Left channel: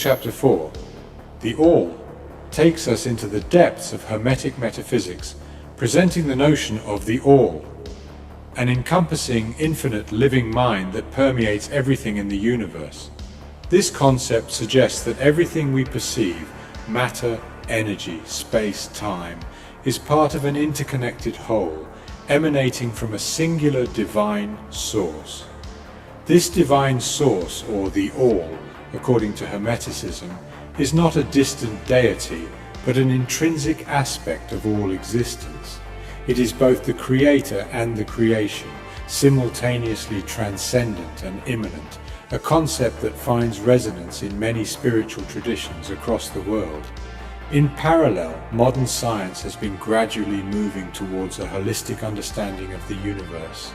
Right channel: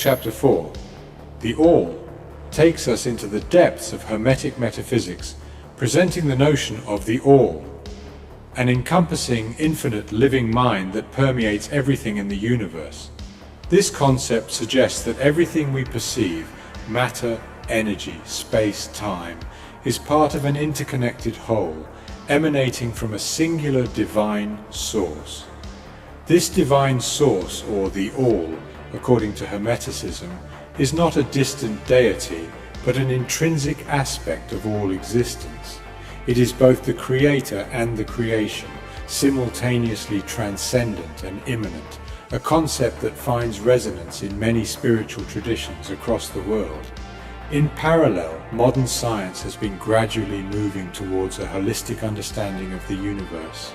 Chapter 4. The All takes us into the depths of Hermetic metaphysics, presenting the notion of the All, an encompassing infinite living mind that permeates everything in the universe. This concept suggests that everything we perceive, matter, energy, space, time, is part of an interconnected whole, emanating from a singular divine source. This divine source, or the All, according to Hermeticism, is not a distant deity, but an intrinsic aspect of all existence. It is both the creator and the creation, simultaneously transcendent and immanent, a concept that finds resonance in many spiritual traditions across the world. In parallel, modern science has been gradually moving towards a holistic understanding of the universe.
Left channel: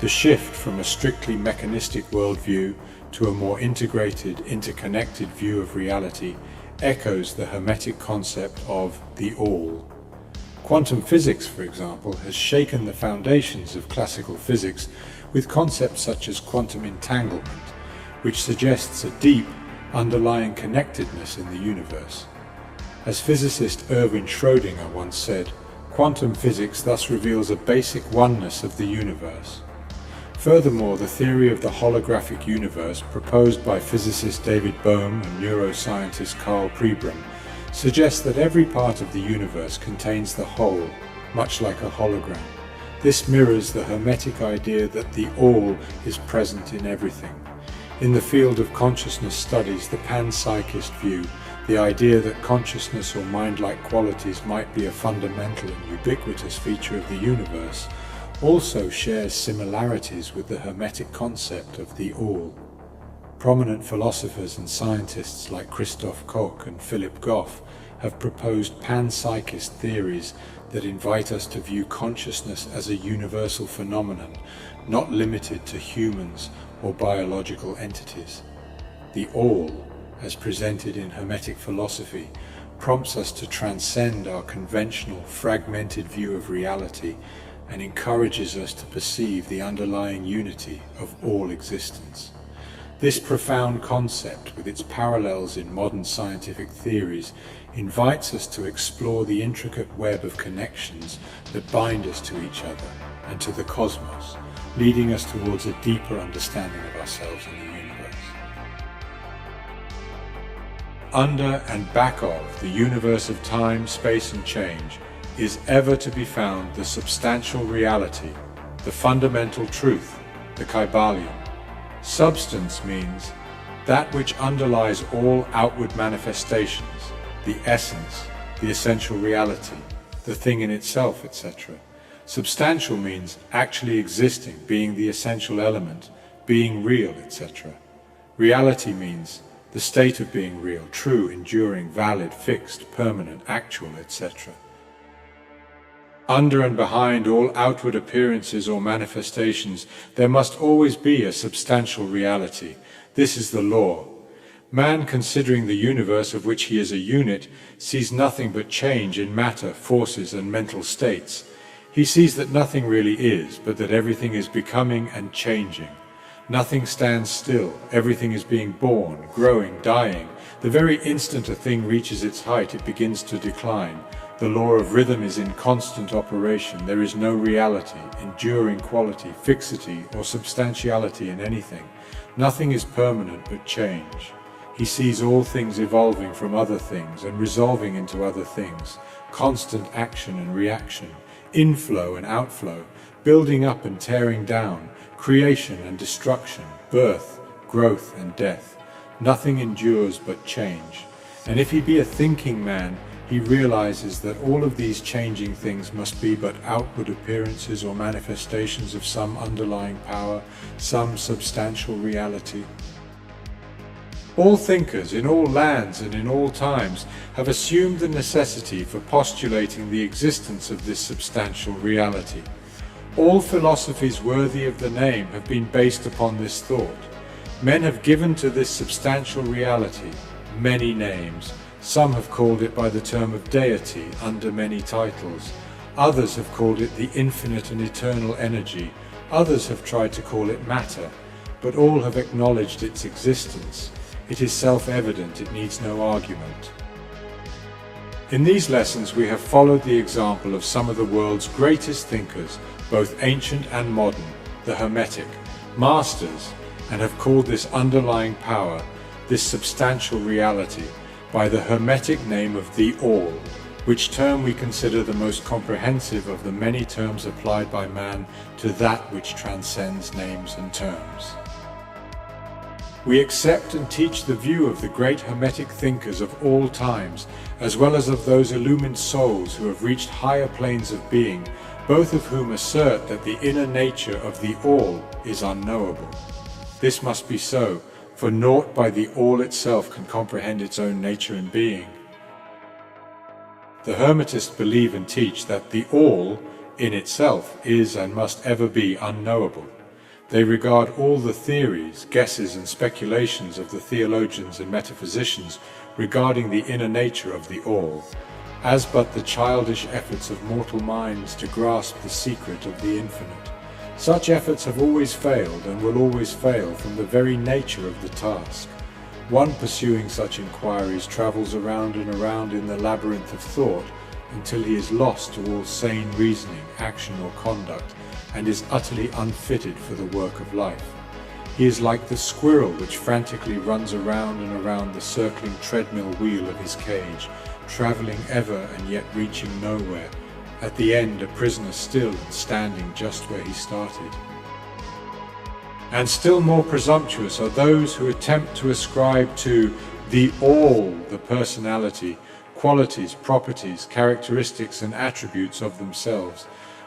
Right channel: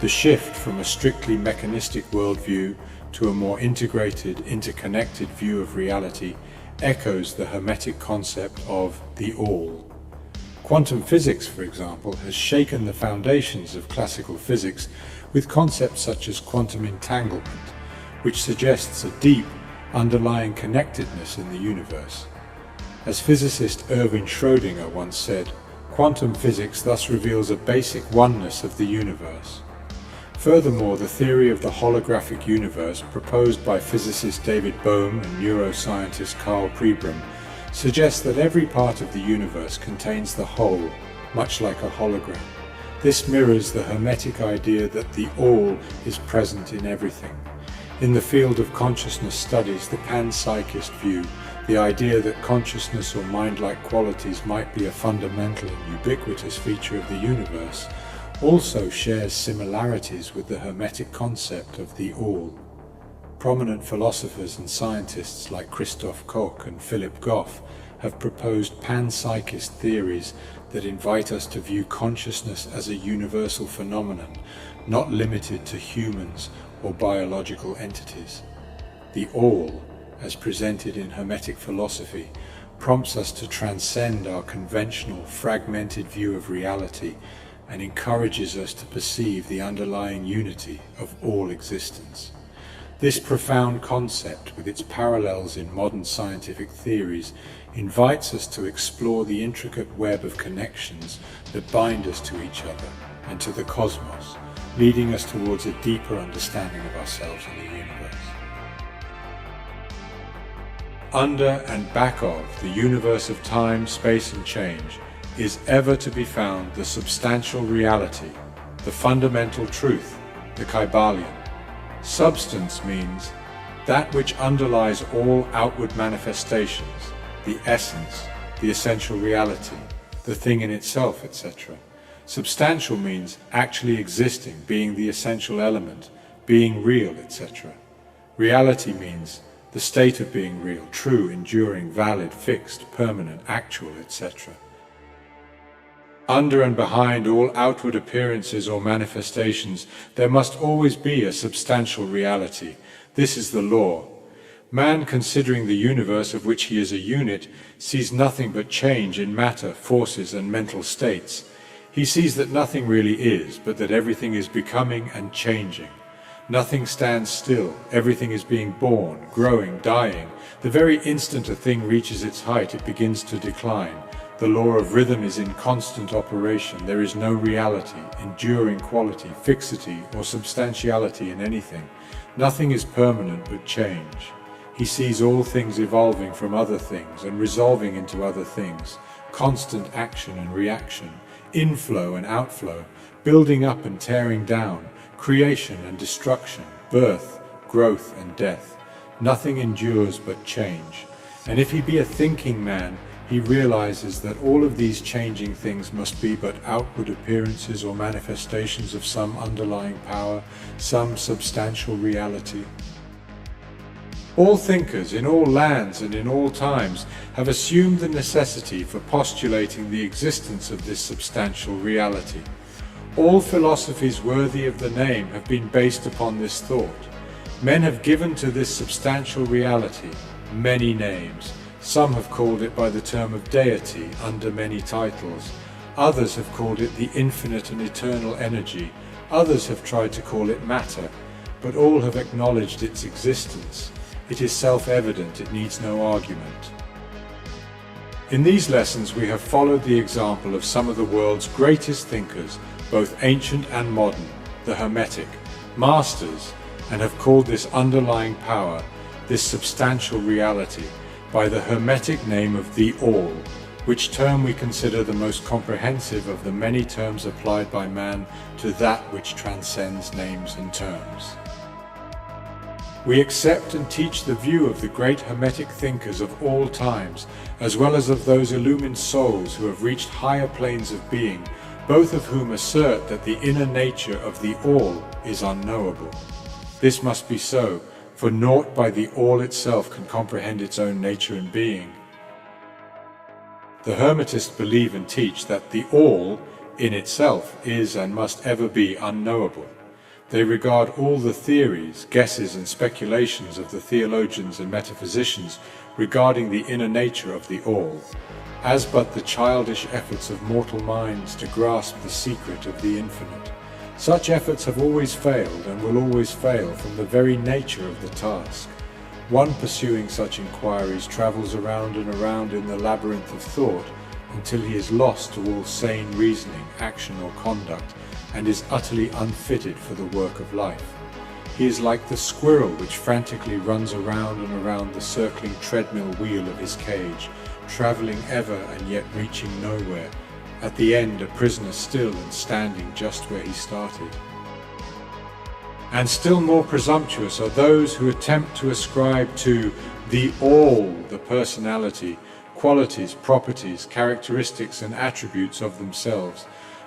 The shift from a strictly mechanistic worldview to a more integrated, interconnected view of reality echoes the Hermetic concept of the All. Quantum physics, for example, has shaken the foundations of classical physics with concepts such as quantum entanglement, which suggests a deep, underlying connectedness in the universe. As physicist Erwin Schrödinger once said, quantum physics thus reveals a basic oneness of the universe. Furthermore, the theory of the holographic universe proposed by physicist David Bohm and neuroscientist Carl Pribram suggests that every part of the universe contains the whole, much like a hologram. This mirrors the Hermetic idea that the All is present in everything. In the field of consciousness studies, the panpsychist view, the idea that consciousness or mind-like qualities might be a fundamental and ubiquitous feature of the universe, also shares similarities with the Hermetic concept of the All. Prominent philosophers and scientists like Christoph Koch and Philip Goff have proposed panpsychist theories that invite us to view consciousness as a universal phenomenon, not limited to humans or biological entities. The All, as presented in Hermetic philosophy, prompts us to transcend our conventional, fragmented view of reality and encourages us to perceive the underlying unity of all existence. This profound concept, with its parallels in modern scientific theories, invites us to explore the intricate web of connections that bind us to each other and to the cosmos, leading us towards a deeper understanding of ourselves and the universe. Under and back of the universe of time, space, and change is ever to be found the substantial reality, the fundamental truth, the Kybalion. Substance means that which underlies all outward manifestations, the essence, the essential reality, the thing in itself, etc. Substantial means actually existing, being the essential element, being real, etc. Reality means the state of being real, true, enduring, valid, fixed, permanent, actual, etc. Under and behind all outward appearances or manifestations, there must always be a substantial reality. This is the law. Man, considering the universe of which he is a unit, sees nothing but change in matter, forces, and mental states. He sees that nothing really is, but that everything is becoming and changing. Nothing stands still. Everything is being born, growing, dying. The very instant a thing reaches its height, it begins to decline. The law of rhythm is in constant operation. There is no reality, enduring quality, fixity, or substantiality in anything. Nothing is permanent but change. He sees all things evolving from other things and resolving into other things, constant action and reaction, inflow and outflow, building up and tearing down, creation and destruction, birth, growth and death. Nothing endures but change. And if he be a thinking man, he realizes that all of these changing things must be but outward appearances or manifestations of some underlying power, some substantial reality. All thinkers in all lands and in all times have assumed the necessity for postulating the existence of this substantial reality. All philosophies worthy of the name have been based upon this thought. Men have given to this substantial reality many names. Some have called it by the term of deity under many titles. Others have called it the infinite and eternal energy. Others have tried to call it matter, but all have acknowledged its existence. It is self-evident, it needs no argument. In these lessons we have followed the example of some of the world's greatest thinkers, both ancient and modern, the Hermetic, masters, and have called this underlying power, this substantial reality, by the Hermetic name of the All, which term we consider the most comprehensive of the many terms applied by man to that which transcends names and terms. We accept and teach the view of the great Hermetic thinkers of all times, as well as of those illumined souls who have reached higher planes of being, both of whom assert that the inner nature of the All is unknowable. This must be so, for naught by the All itself can comprehend its own nature and being. The Hermetists believe and teach that the All, in itself, is and must ever be unknowable. They regard all the theories, guesses and speculations of the theologians and metaphysicians regarding the inner nature of the All as but the childish efforts of mortal minds to grasp the secret of the infinite. Such efforts have always failed and will always fail from the very nature of the task. One pursuing such inquiries travels around and around in the labyrinth of thought until he is lost to all sane reasoning, action or conduct, and is utterly unfitted for the work of life. He is like the squirrel which frantically runs around and around the circling treadmill wheel of his cage, travelling ever and yet reaching nowhere, at the end a prisoner still and standing just where he started. And still more presumptuous are those who attempt to ascribe to the All the personality, qualities, properties, characteristics and attributes of themselves,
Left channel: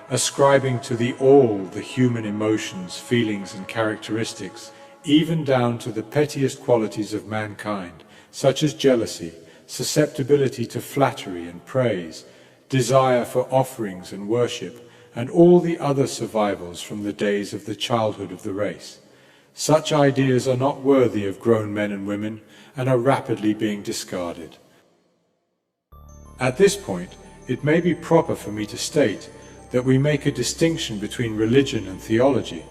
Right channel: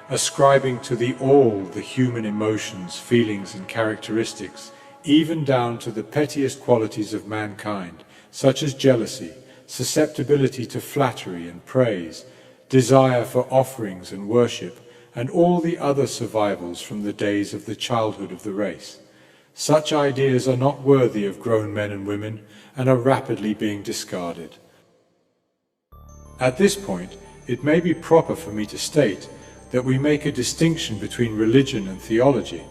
ascribing to the All the human emotions, feelings and characteristics, even down to the pettiest qualities of mankind, such as jealousy, susceptibility to flattery and praise, desire for offerings and worship, and all the other survivals from the days of the childhood of the race. Such ideas are not worthy of grown men and women, and are rapidly being discarded. At this point, it may be proper for me to state that we make a distinction between religion and theology,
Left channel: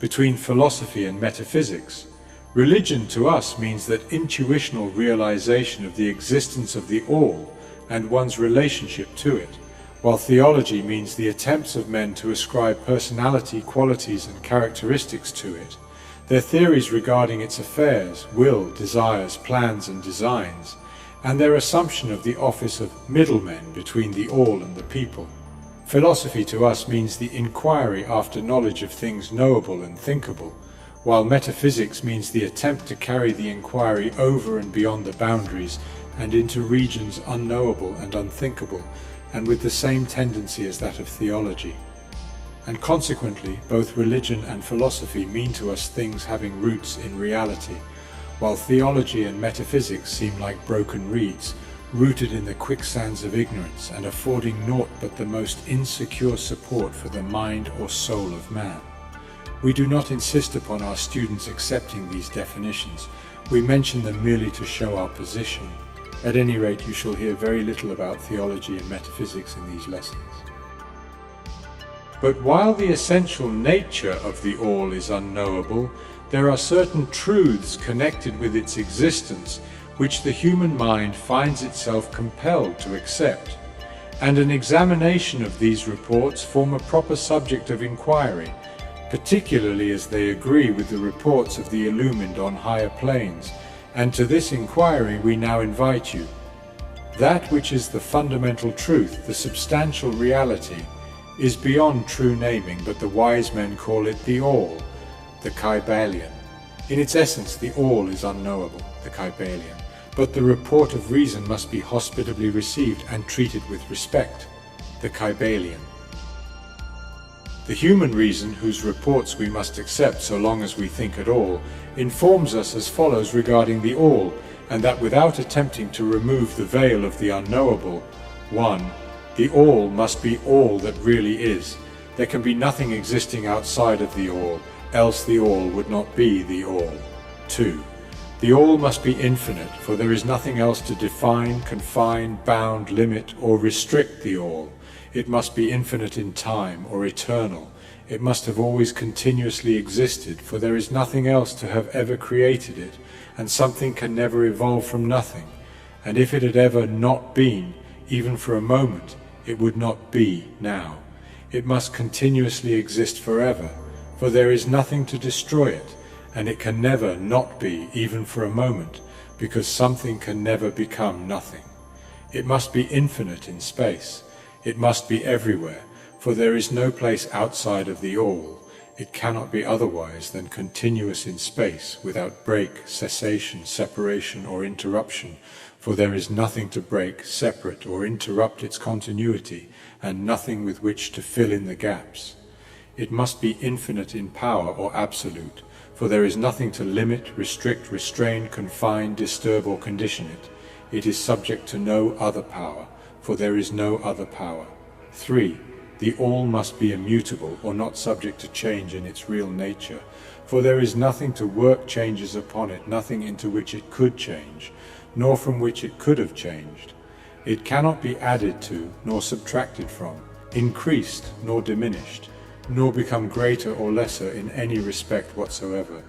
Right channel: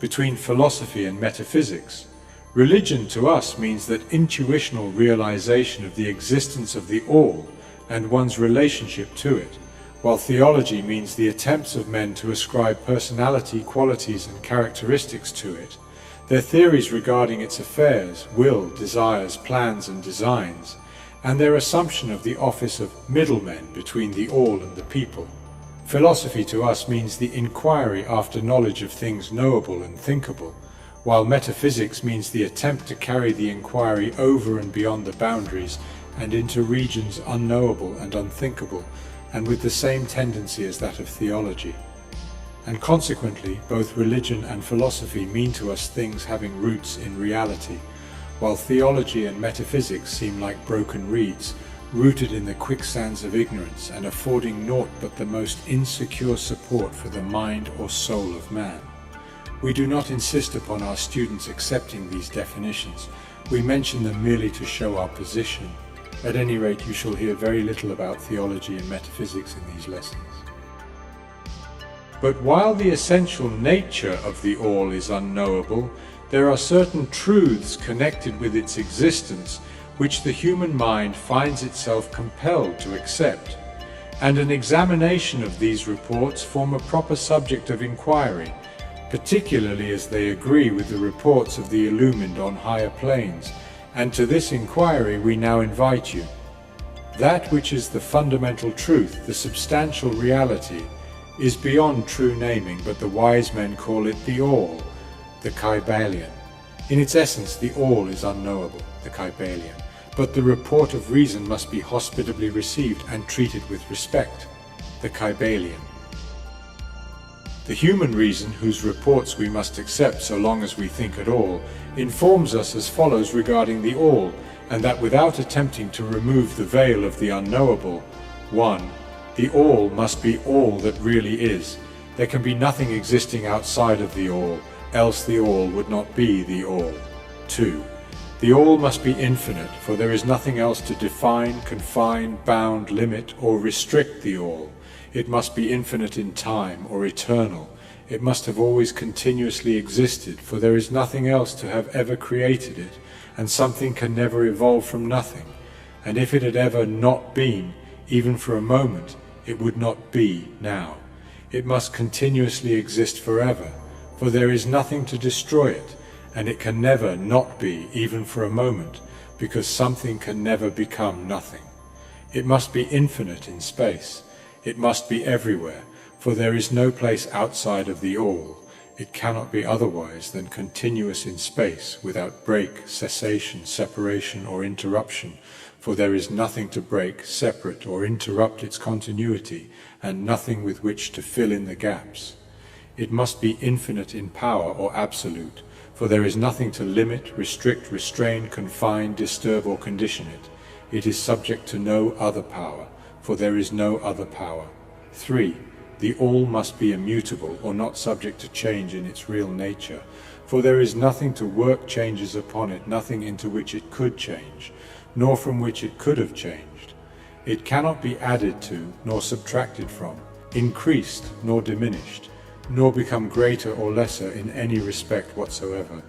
between philosophy and metaphysics. Religion to us means that intuitional realization of the existence of the All and one's relationship to it, while theology means the attempts of men to ascribe personality, qualities and characteristics to it, their theories regarding its affairs, will, desires, plans and designs, and their assumption of the office of middlemen between the All and the people. Philosophy to us means the inquiry after knowledge of things knowable and thinkable, while metaphysics means the attempt to carry the inquiry over and beyond the boundaries and into regions unknowable and unthinkable, and with the same tendency as that of theology. And consequently, both religion and philosophy mean to us things having roots in reality, while theology and metaphysics seem like broken reeds, rooted in the quicksands of ignorance and affording naught but the most insecure support for the mind or soul of man. We do not insist upon our students accepting these definitions. We mention them merely to show our position. At any rate, you shall hear very little about theology and metaphysics in these lessons. But while the essential nature of the All is unknowable, there are certain truths connected with its existence which the human mind finds itself compelled to accept, and an examination of these reports form a proper subject of inquiry, particularly as they agree with the reports of the illumined on higher planes, and to this inquiry we now invite you. That which is the fundamental truth, the substantial reality, is beyond true naming, but the wise men call it the All, the Kybalion. In its essence, the All is unknowable, the Kybalion, but the report of reason must be hospitably received and treated with respect, the Kybalion. The human reason, whose reports we must accept so long as we think at all, informs us as follows regarding the All, and that without attempting to remove the veil of the unknowable. 1. The All must be all that really is. There can be nothing existing outside of the All, else the All would not be the All. 2. The All must be infinite, for there is nothing else to define, confine, bound, limit, or restrict the All. It must be infinite in time, or eternal. It must have always continuously existed, for there is nothing else to have ever created it, and something can never evolve from nothing. And if it had ever not been, even for a moment, it would not be now. It must continuously exist forever, for there is nothing to destroy it, and it can never not be, even for a moment, because something can never become nothing. It must be infinite in space. It must be everywhere, for there is no place outside of the all. It cannot be otherwise than continuous in space, without break, cessation, separation, or interruption, for there is nothing to break, separate, or interrupt its continuity, and nothing with which to fill in the gaps. It must be infinite in power or absolute, for there is nothing to limit, restrict, restrain, confine, disturb, or condition it. It is subject to no other power, for there is no other power. 3. The all must be immutable, or not subject to change in its real nature, for there is nothing to work changes upon it, nothing into which it could change, nor from which it could have changed. It cannot be added to, nor subtracted from, increased, nor diminished, nor become greater or lesser in any respect whatsoever.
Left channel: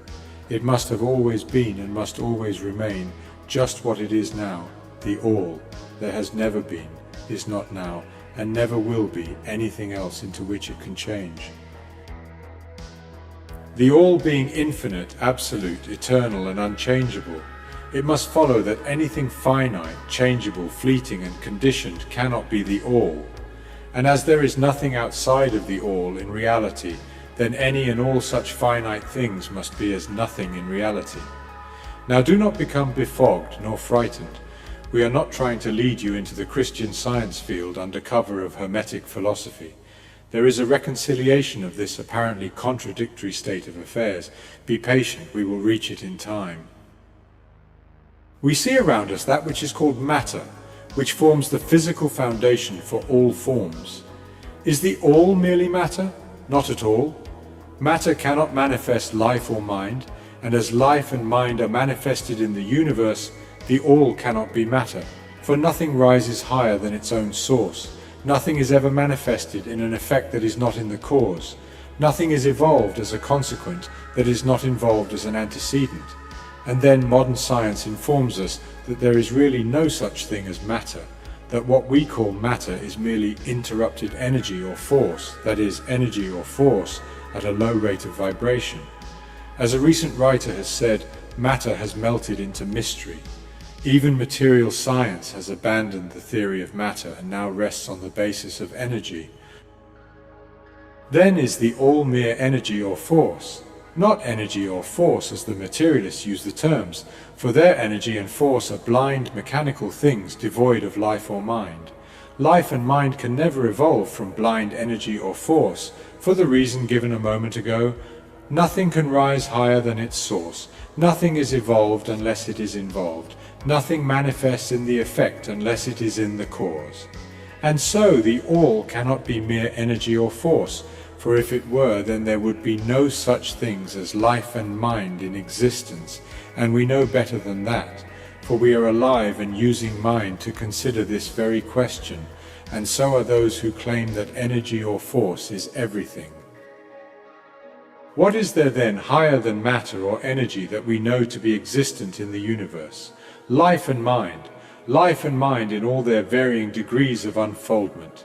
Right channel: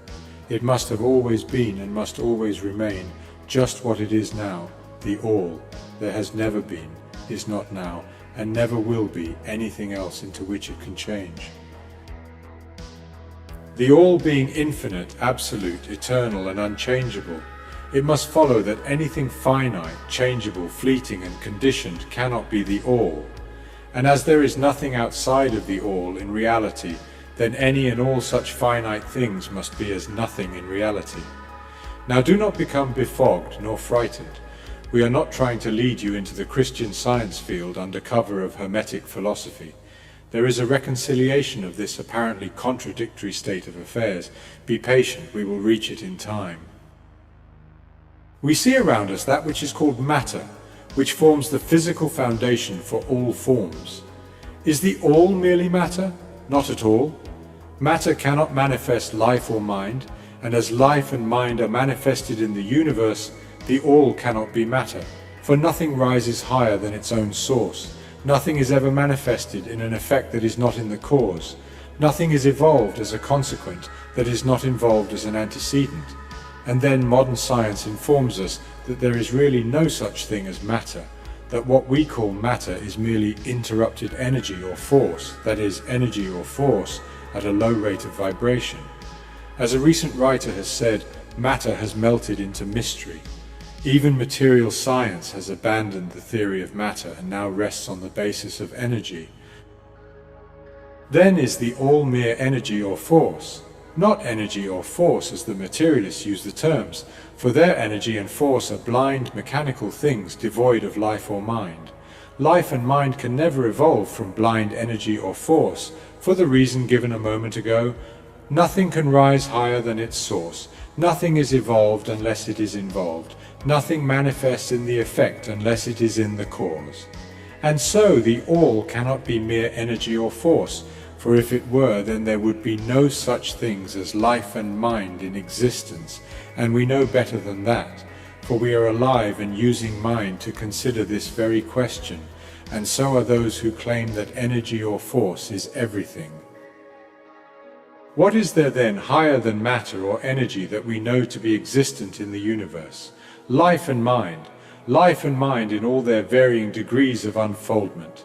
It must have always been and must always remain just what it is now, the all. There has never been, is not now, and never will be anything else into which it can change. The all being infinite, absolute, eternal, and unchangeable, it must follow that anything finite, changeable, fleeting, and conditioned cannot be the all. And as there is nothing outside of the all in reality, then any and all such finite things must be as nothing in reality. Now do not become befogged nor frightened. We are not trying to lead you into the Christian Science field under cover of Hermetic philosophy. There is a reconciliation of this apparently contradictory state of affairs. Be patient, we will reach it in time. We see around us that which is called matter, which forms the physical foundation for all forms. Is the all merely matter? Not at all. Matter cannot manifest life or mind, and as life and mind are manifested in the universe, the all cannot be matter, for nothing rises higher than its own source. Nothing is ever manifested in an effect that is not in the cause. Nothing is evolved as a consequent that is not involved as an antecedent. And then modern science informs us that there is really no such thing as matter, that what we call matter is merely interrupted energy or force, that is, energy or force at a low rate of vibration. As a recent writer has said, matter has melted into mystery. Even material science has abandoned the theory of matter and now rests on the basis of energy. Then is the all mere energy or force, not energy or force as the materialists use the terms, for their energy and force are blind, mechanical things devoid of life or mind. Life and mind can never evolve from blind energy or force, for the reason given a moment ago. Nothing can rise higher than its source. Nothing is evolved unless it is involved. Nothing manifests in the effect unless it is in the cause. And so the all cannot be mere energy or force, for if it were, then there would be no such things as life and mind in existence, and we know better than that, for we are alive and using mind to consider this very question, and so are those who claim that energy or force is everything. What is there then higher than matter or energy that we know to be existent in the universe? Life and mind in all their varying degrees of unfoldment.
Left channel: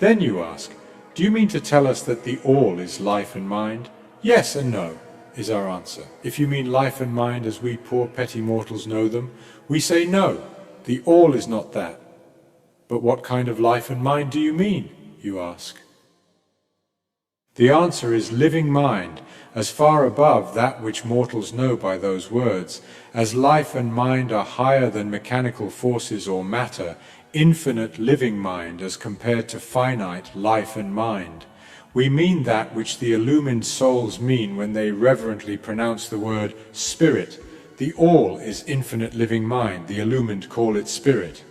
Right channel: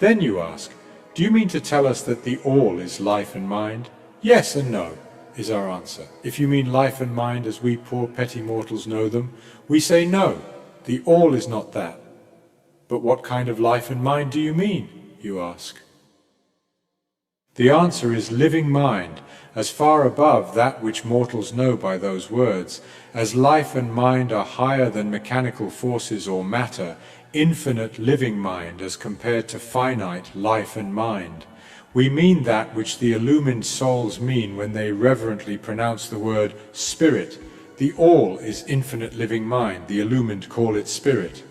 Then you ask, do you mean to tell us that the all is life and mind? Yes and no, is our answer. If you mean life and mind as we poor petty mortals know them, we say no, the all is not that. But what kind of life and mind do you mean, you ask? The answer is living mind, as far above that which mortals know by those words, as life and mind are higher than mechanical forces or matter, infinite living mind as compared to finite life and mind. We mean that which the illumined souls mean when they reverently pronounce the word spirit. The all is infinite living mind, the illumined call it spirit.